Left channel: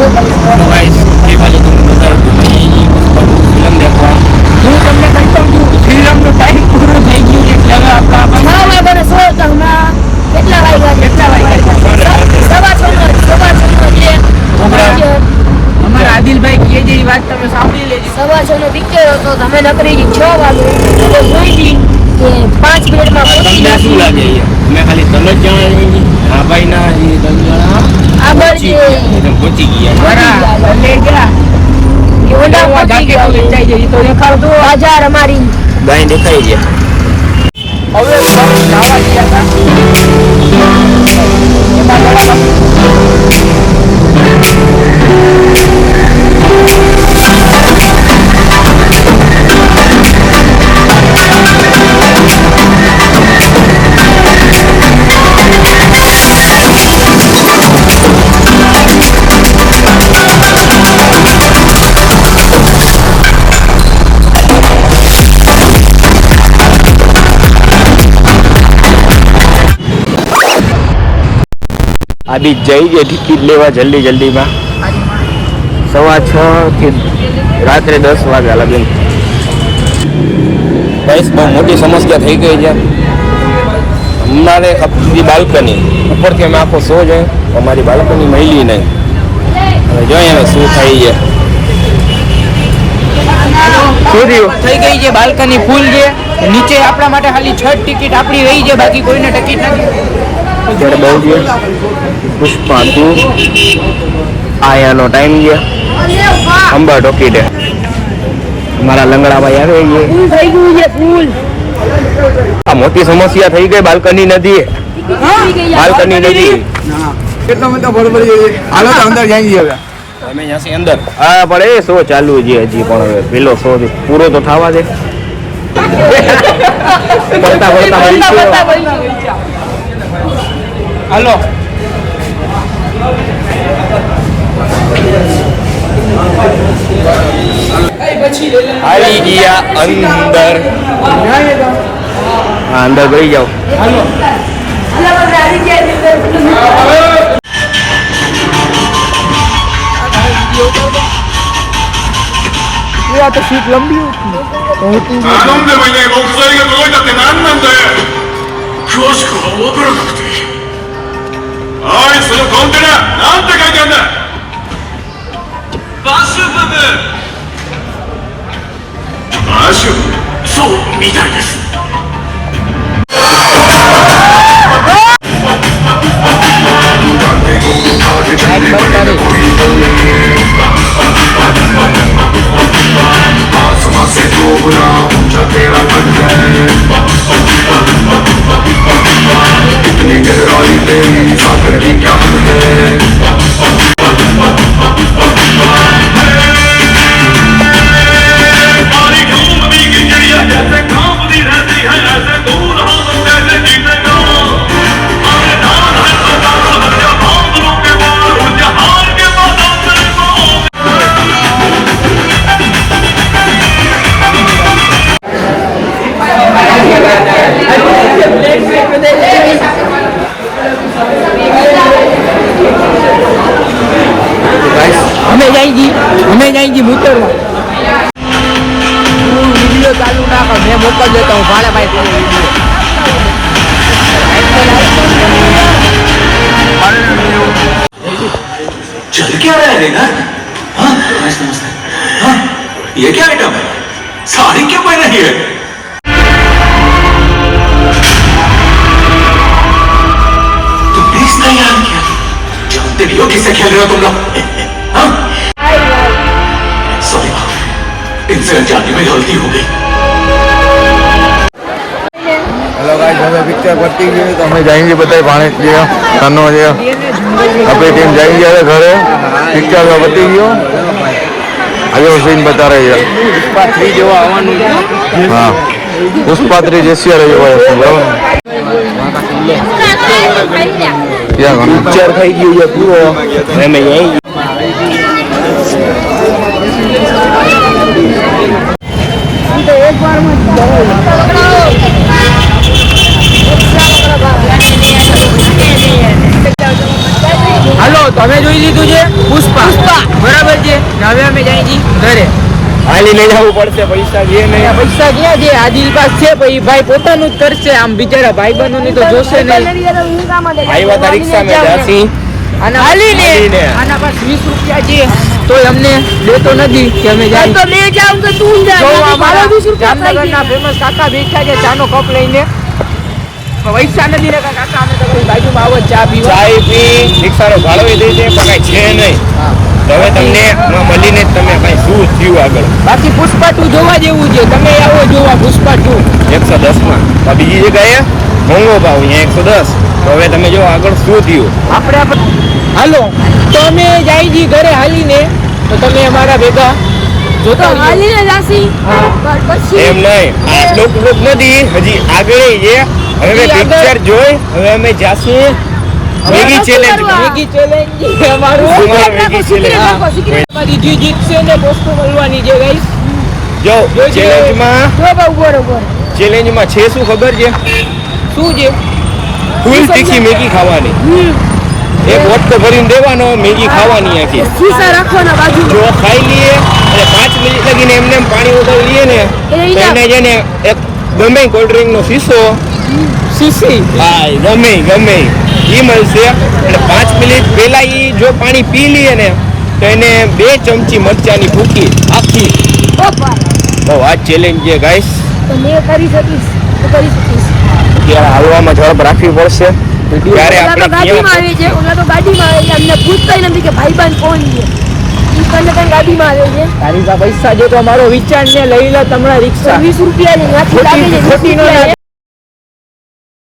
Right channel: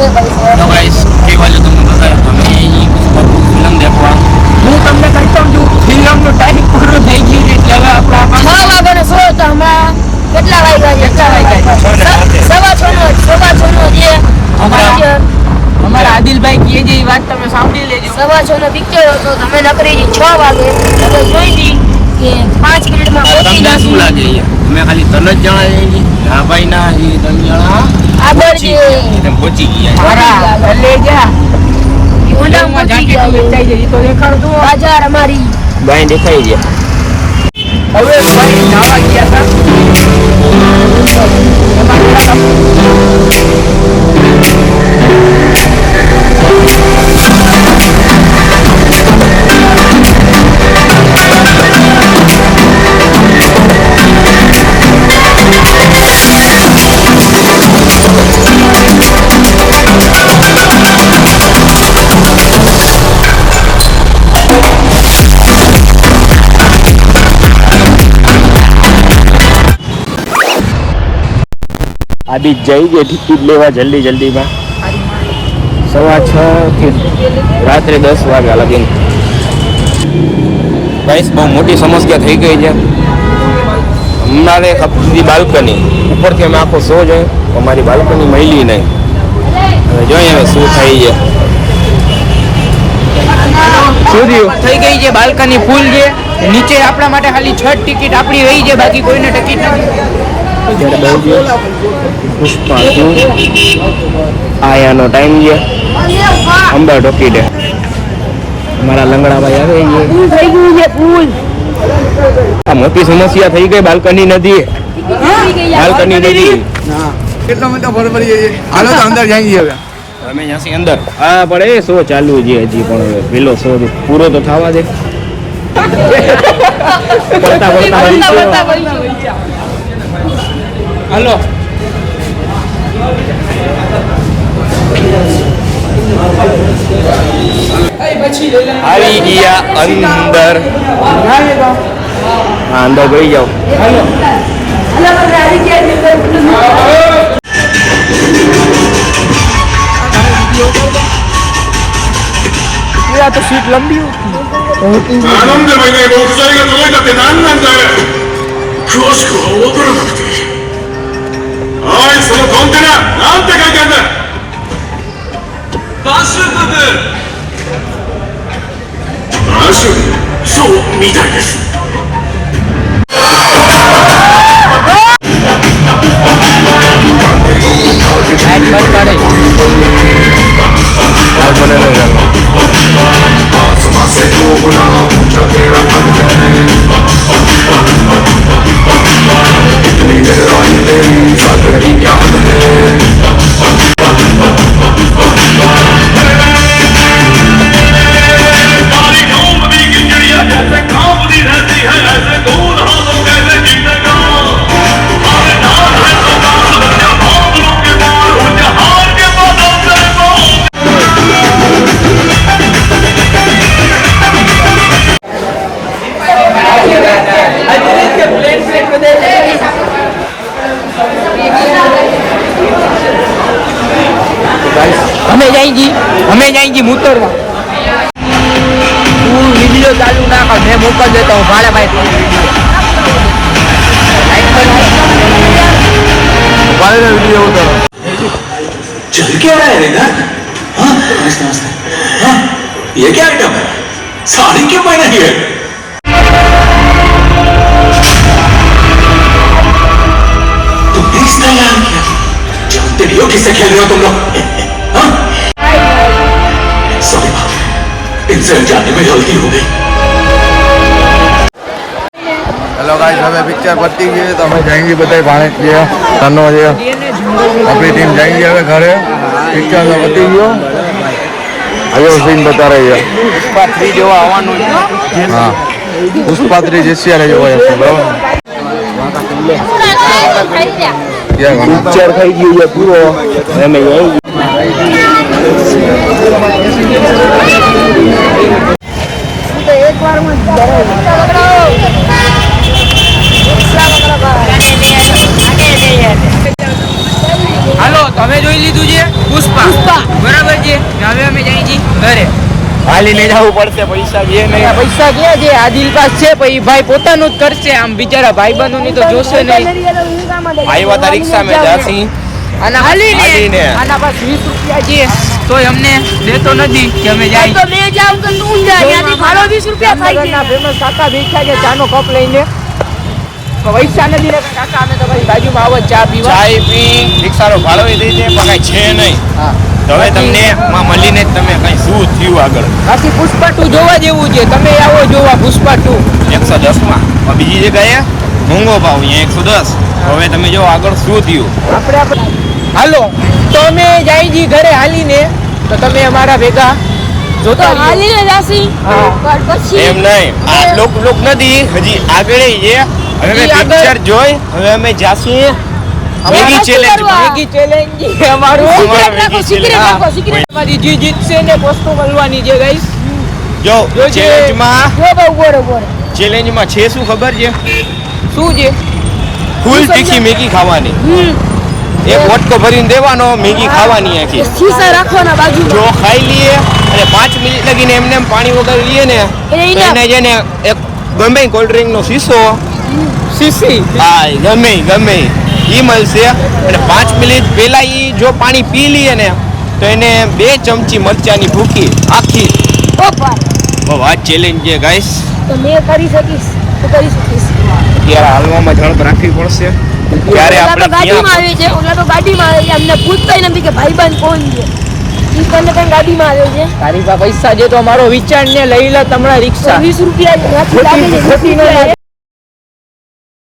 तो गाइस ये वाले तुम बताओ तुम्हें ये फिल्म देखवा હું તમને કહેતો છું ફિલ્મનો ટાઈમ પૂરો થઈ ગયો છે એટલે હવે આપણે 6 વાગ્યાનો શો તો હમણાં કેટલા વાગ્યા સવા છ નો જે અમારા આદિલભાઈ કહે છે એ વાત તમે સાંભળી લેજો. 6:30 પિક્ચર હતો તમે નકરી 6 વાગે તો જોઈ કે 5 મિનિટમાં તમને શું લાગે અમે ખાલી તને જ જવા જઈએ હા ભાઈ ના એ ત્રણ જણા આગળ પહોંચી ગયા મારા લે ગયા ઓલા હું જાકે તમે થઈ જઈ તો દેખાડ દો બજાર અમારી ભાઈ નીકળી ગયા હવે ભાઈ જવા ગયા सवा 6 થી રાત્રે 10 વાગ્યા લગી ગાઈસ બહુ મોટી સમસ્યા થઈ ગઈ છે અમારે આપણી બાલ્કની ઉપરથી અમે આખો શો જોઈએ અમારી બાલ્કની મળી નહીં હવે જોઈએ હવે શું થઈ છે શું થયું થઈ ગઈ છે બાલ્કની ફૂલ છે નીચે આપણા માટે ખાલી 6 ટિકિટ આપણી રહી છે બાકી કોઈને ટિકિટ નથી ત્યારે બહુ છે પુષ્પા 2 આયાનો ટાઈમ છે અંબા ટોકી દે અમારા લંગડા ભાઈ આવે છે ફૂલ થઈ ગયું છે ફૂલ આ મોટી સમસ્યા થઈ ગઈ બાલ્કની નથી બાલ્કની નથી કેટલો મત બરોબર છે હાલો તો અંદર જઈએ હવે અમે અહીંયાથી અંદર આ પણ એ શો ચાલુ છે હજી પણ હવે પેલો શો પૂરો તો થવા દે પડતા હાલો આવી ગયા અંદર અંદર ગઈ જાઓなんでもいい木材が届いたって何なんだよ詳しくは分からなくておいそのコンテナなんて書いてあるんだバシュブバシュブそうみたいですઅમે જાયજી મૂતર चल क्या रहा है रेना हाँ नमस्ते नमस्ते हाँ ये क्या आइटम है साड़ी क्यों पहना है तुमने इसका याद किया जानते भी हो किससे खेल रहे हो तुम लोग हाँ सॉरी बाप इनसे जानने में गलती हो गई હેલો ગાઈસ હવે પિક્ચર પતી ગયું તો અમે જઈને બધા પાણી પીએ આપણે ટીમ જઈ હવે ઘરે પિક્ચર પતી પુષ્પા 3 જેવો આવવાનું છે પુષ્પા 3 જેસીઆર જેવો હાલો તો તો અમે જોઈ લીધું છે પુષ્પા, બરાબર છે. હવે અમે જાય છીએ ઘરે. હાલીને જવું પડશે, પૈસા છે નહીં. પૈસા ક્યાં છે? આદિલ પાસ છે પછી ભાઈ પોતાનું જ કરશે. આમ બિચારા ભાઈબંધો ની તો જોશે નહીં. આવ્યા તા રિક્ષા મેં જાસી આના હાલીને. આના પાસે 20 રૂપિયા છે તોય અમને દેતો નથી કે અમે જાય. તો મેં જાઉં તો તું જા, ત્યાંથી ભાડો 20 રૂપિયા ખાઈ જાય. પૈસા નથી રહેતા કાકા, અમે તો ભાઈ બાજુમાં આવો ચા પીવા. ચાય પી, રિક્ષાનો ભાડો એ દઈ દે, પણ કાંઈ છે નહીં. તો હવે તમને માં મળીને જ તમે કઈ શું થયું આગળ. બાકી પુષ્પા 2 જોવા જેવું છે. તમે આવો જોવા પુષ્પા 2. 110 માં પણ બીજી જગ્યાએ મોંઘો ભાવ, અહીંયા 110. તો હવે તમે જો આગળ શું થયું. હાલો તો અમે જાય જી ઘરે હાલીને, તો તમે અમારા ભેગા જોતા રહ્યો. હાલીને જાસી. હા. પછી એમ નહીં, આ લોક નથી, હજી આગળ છે. હવે અમે આગળ. પિક્ચર જોઈ, હવે અમે જાસી મેગી ચેલેન્જ. મેગી ચેલેન્જ અમારું. અમારો મેગી ચેલેન્જ. અમારી જે જીતશે ને વસ્તુ મળવાની છે ગાઈસ. જો જોજે. ચેલેન્જમાં બરોબર. છે શું ખબર છે? શું છે? ફૂલ તીખી મેગી ખાવાની. એક વટકો ભરીને દેવાનો, મેગી ખાવાની આખી. શીશા રાખવાના બાજુ. જો ખાઈ લઈએ અને 5 મિનિટ લગીને એમને એમ પાણી વગાડી લઈએ ને, તો એને છે ને એક ગમે કોલ્ડ ડ્રિંક નો શીશો, સીસી. હા ગમે ઈ મળશે. અને 5 મિનિટ પહેલા ઈ જો પાણી પી લઈએ ને, તો એને 2 ચમચી મરચાની ભૂકી આખી. બહુ આ ચેલેન્જ છે ગાઈસ. તો મેં કરી શકીશ. તું કરી શકીશ. ત્યારે હાલવામાં ઝડપ રાખવી પડશે. ત્યારે ઓલા આપણે તો ગાડીમાં આવે છે. ઓલા તો ગાડીમાં આવે છે. અમને પૂછતાય નથી કે ભાઈબંધ કોણ છે. ઈ તને કઈ ગાડીમાં આવે છે. તારી પાસે પૈસા છે તો અમારો વિચાર ને લઈ લો તમારા રિક્ષા. 20 રૂપિયા